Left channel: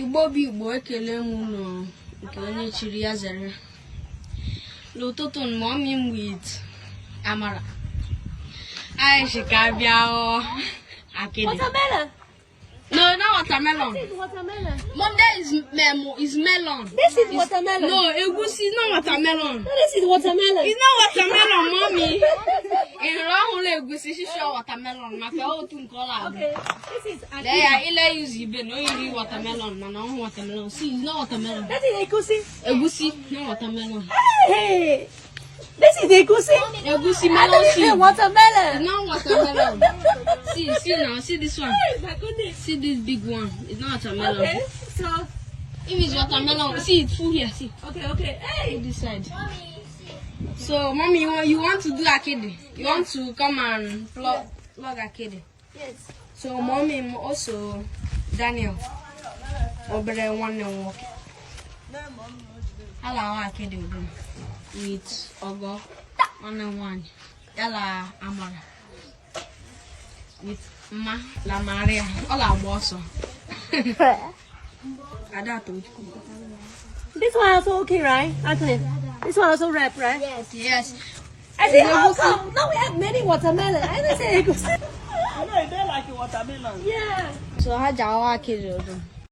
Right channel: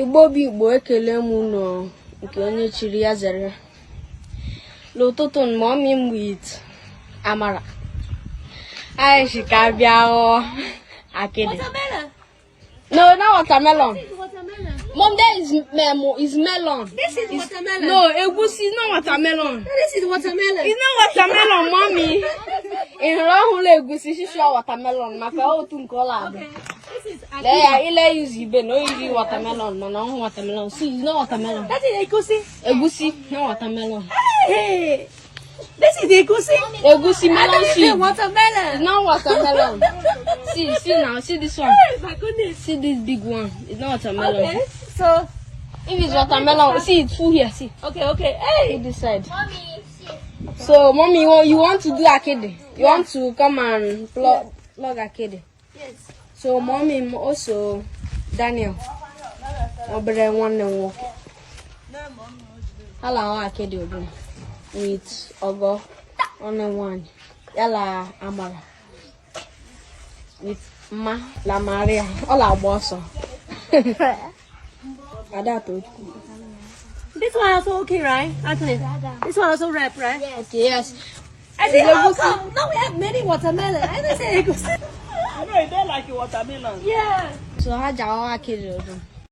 Igbo bi Igbo ekele m no nke onye chiri ya zere. L'ụtụtụ mommy m with Amara. I she can be Akidi. Watermelon? No, not watermelon. This is watermelon. Mom, that is melon. This is watermelon. No, egusi is not watermelon. This is watermelon. It's not watermelon, mommy. In Rahule egusi, she show watermelon. Okay, this is Akidi. There, use ibe no use watermelon. No, watermelon. See, it's not watermelon. That is egusi. Egusi, not watermelon. Hey, this is egusi. Egusi melon seed. Watermelon. It's not watermelon. See now, see this one. Hey, my goodness. See this big one. It's not watermelon. Okay, so if it's watermelon, see it's full here. See. okay. Hey, See this side. mommy. So, mommy, you want to do Akidi? You want to come and plug Akidi? Yes. So, mommy also Daniel. Obere one and walk. Hello, Akidi open with Ogo 1 and 1. Yala Amara with Ma La Maria. All our boss. This one also okay, right? Actually, this one also wrap, right? Yes. I think now we have many watermelon. I didn't say egusi. You know, they like watermelon. Yeah. So, how do Akidi open?